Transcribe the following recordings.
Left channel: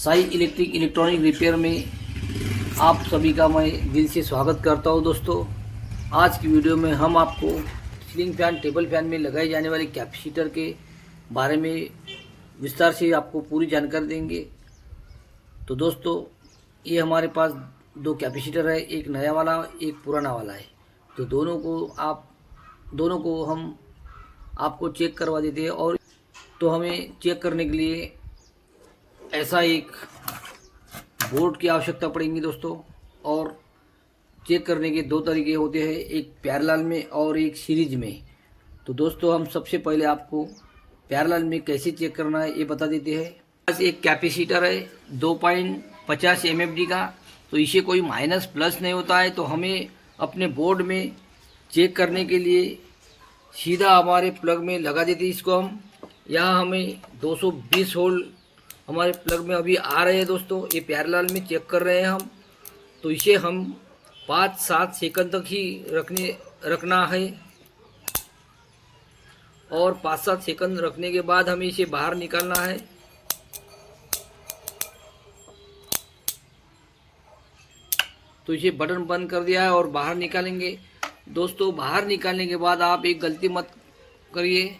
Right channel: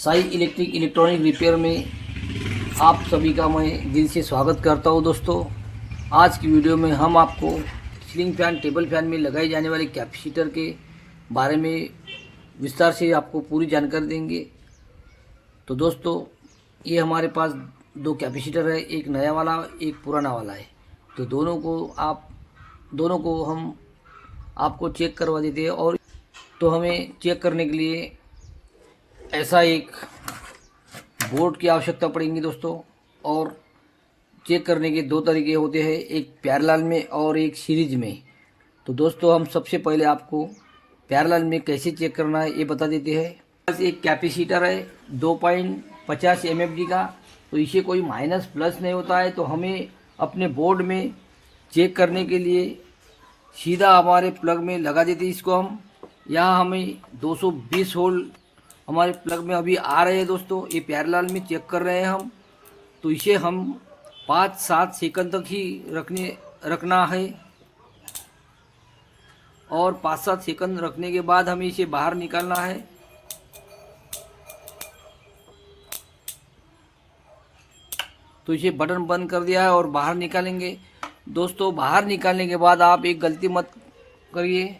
Sai electric electronic repair में आप सभी का मैं दिल से स्वागत करता हूं दोस्तों। आज की वीडियो में हम आपको सीलिंग फैन टेबल फैन में लगाए जाने वाले कैपेसिटर के बारे में विस्तार से आपको पूरी जानकारी देंगे। तो दोस्तों, ये हमारे पास दो कैपेसिटर है, एक नया वाला एक पुराना वाला है। तो दोनों को हम आपको चेक करवा देते हैं। और तो हमें चेक करने के लिए ऐसा एक बोर्ड की आवश्यकता पड़ेगी दोस्तों। और चेक करने के दो तरीके होते हैं, एक पैरेलल में और एक सीरीज में। तो दोस्तों, हम सबसे पहले आपको पैरेलल में कैसे चेक करना है ये बता देते हैं। बस एक कैपेसिटर है 2.50 MFD का। तो इसे कोई माइनस प्लस नहीं होता है। तो हमें अपने बोर्ड में चेक करने के लिए सीधा हमारे प्लग में लगा देते हैं इसको हम। यहाँ हमें 220 वोल्ट हमारे प्लग में अभी आ रहे हैं दोस्तों। ये पैरेलल में चेक कर रहे हैं हम। तो इसे हम 5-7 सेकंड तक ही रखना है। और 5-7 सेकंड रखने के बाद हमें इसे बाहर निकालना है। तो इसे बटन बंद कर दिया है और बाहर निकालेंगे दोस्तों। बाहर निकालने के बाद आप एक गलती मत करिए,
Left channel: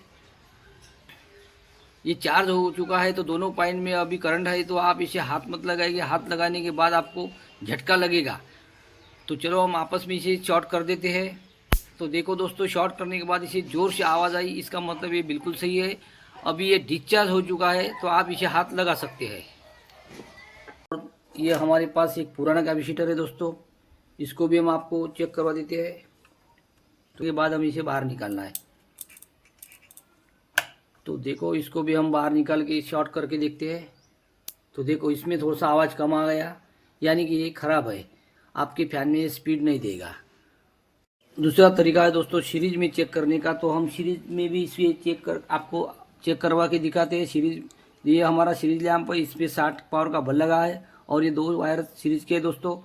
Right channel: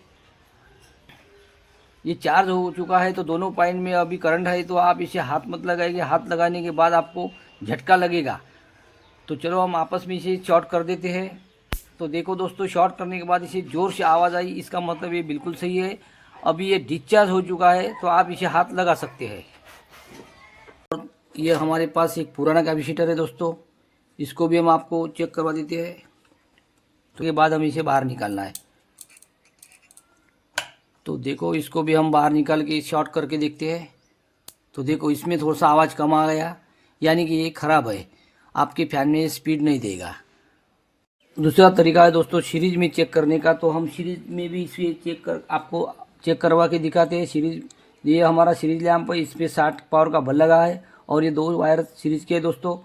ये चार्ज हो चुका है तो दोनों पॉइंट में अभी करंट है। तो आप इसे हाथ मत लगाइए, हाथ लगाने के बाद आपको झटका लगेगा। तो चलो हम आपस में इसे शॉर्ट कर देते हैं। तो देखो दोस्तों, शॉर्ट करने के बाद इसे ज़ोर से आवाज़ आई, इसका मतलब ये बिल्कुल सही है। अभी ये डिस्चार्ज हो चुका है तो आप इसे हाथ लगा सकते हैं। और ये हमारे पास एक पुराना कैपेसिटर है दोस्तों, इसको भी हम आपको चेक करवा देते हैं। तो के बाद हमें इसे बाहर निकालना है। तो देखो, इसको भी हम बाहर निकाल के शॉर्ट करके देखते हैं। तो देखो, इसमें थोड़ा सा आवाज़ कम आ गया, यानी कि ये ख़राब है, आपके फैन में स्पीड नहीं देगा। दूसरा तरीका है दोस्तों सीरीज में चेक करने का। तो हम सीरीज में भी इसे आपको चेक करवा के दिखाते हैं। सीरीज, ये हमारा सीरीज लैंप है, इस पर 60 पावर का बल लगा है और ये 2 वायर सीरीज के दोस्तों।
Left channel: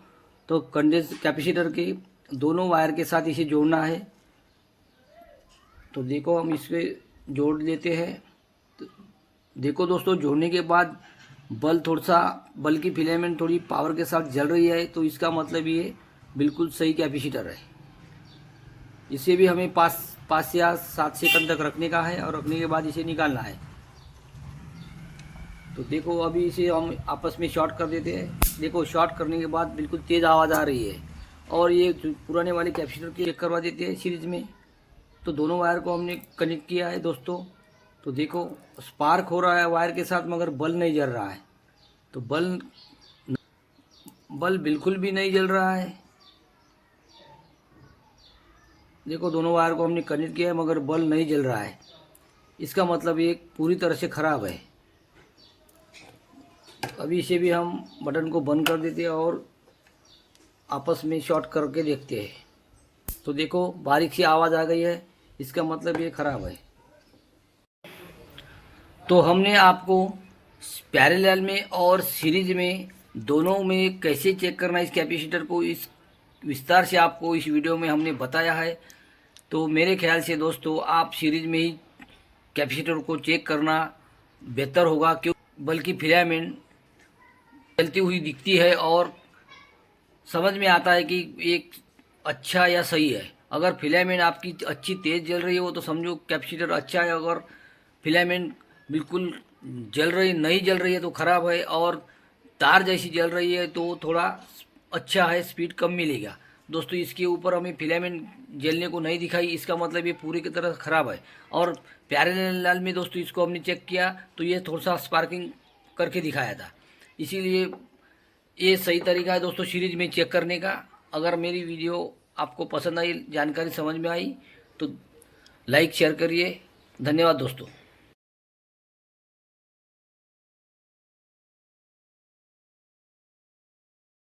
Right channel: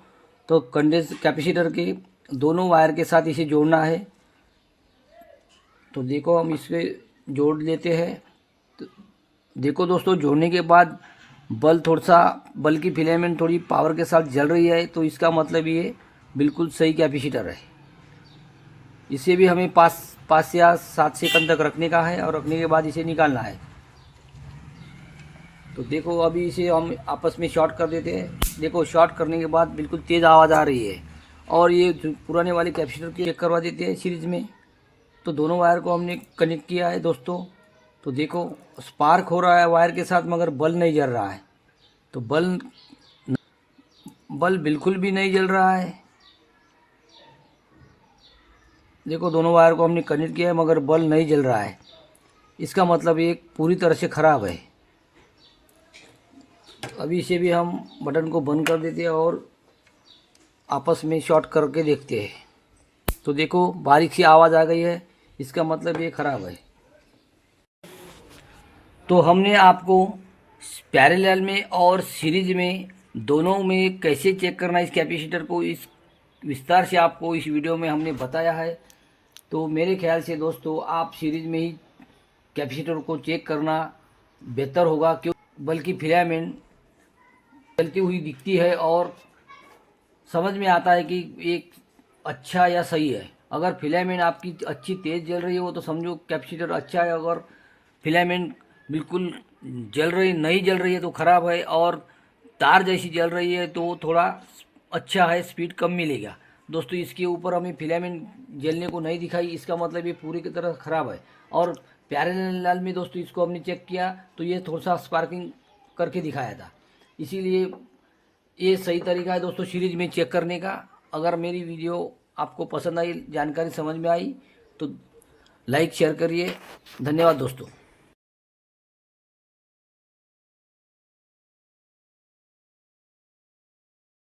तो कंडेंस कैपेसिटर के दोनों वायर के साथ इसे जोड़ना है। तो देखो, हम इसे जोड़ लेते हैं। तो देखो दोस्तों, जोड़ने के बाद बल की फिलामेंट थोड़ी पावर के साथ जल रही है। तो इसका मतलब ये बिल्कुल सही कैपेसिटर है। इसे भी हमें 5 या 7 सेकंड तक रखने का है और रखने के बाद इसे निकालना है। तो देखो, अभी इसे हम आपस में शॉर्ट कर देते हैं। देखो, शॉर्ट करने के बाद बिल्कुल तेज़ आवाज़ आ रही है। और ये पुराने वाले कैपेसिटर के चेक करवा देते हैं सीरीज में। तो दोनों वायर को हमने कनेक्ट किया है दोस्तों। तो देखो, स्पार्क हो रहा है वायर के साथ, मगर बल्ब नहीं जल रहा है। तो बल्ब बिल्कुल भी नहीं जल रहा है। देखो, दोनों वायर को हमने कनेक्ट किया है मगर बल्ब नहीं जल रहा है। इसका मतलब ये पूरी तरह से ख़राब है। अभी इसे भी हम बटन को बंद कर देते हैं और आपस में शॉर्ट करके देखते हैं। तो देखो, बारीक सी आवाज़ आ गई है, इसका मतलब ये ख़राब है। तो हमने आपको पैरेलल में और सीरीज में दोनों में कैसे चेक करना है इस कैपेसिटर को, इस विस्तार से आपको इस वीडियो में हमने बताया है। तो मेरे ख्याल से दोस्तों, आप सीरीज में ही कैपेसिटर को चेक करना बेहतर होगा, क्यों बल्कि फिलामेंट चलती हुई दिखती है और समझ में आता है कि एक अच्छा या सही है। अगर फिलामेंट आपकी अच्छी तेज़ जल रही हो तो समझो कैपेसिटर अच्छा है। अगर फिलामेंट बिल्कुल नहीं जल रही है तो ख़राब है। और तार जैसी जल रही है तो थोड़ा अच्छा है, स्पीड कम मिलेगा दोस्तों। इसके ऊपर हमें फिलामेंट जलने को नहीं दिखाई, इसका मतलब ये पूरी की तरह ख़राब है। और पैरेलल में दोस्तों इसको हमने चेक किया तो ये थोड़ा सा स्पार्किंग करके दिखाया था। इसीलिए ये सही तरीका है दोस्तों सीरीज में चेक करने का। अगर मेरी वीडियो आपको पसंद आई, जानकारी समझ में आई, तो लाइक शेयर करिए। धन्यवाद दोस्तों।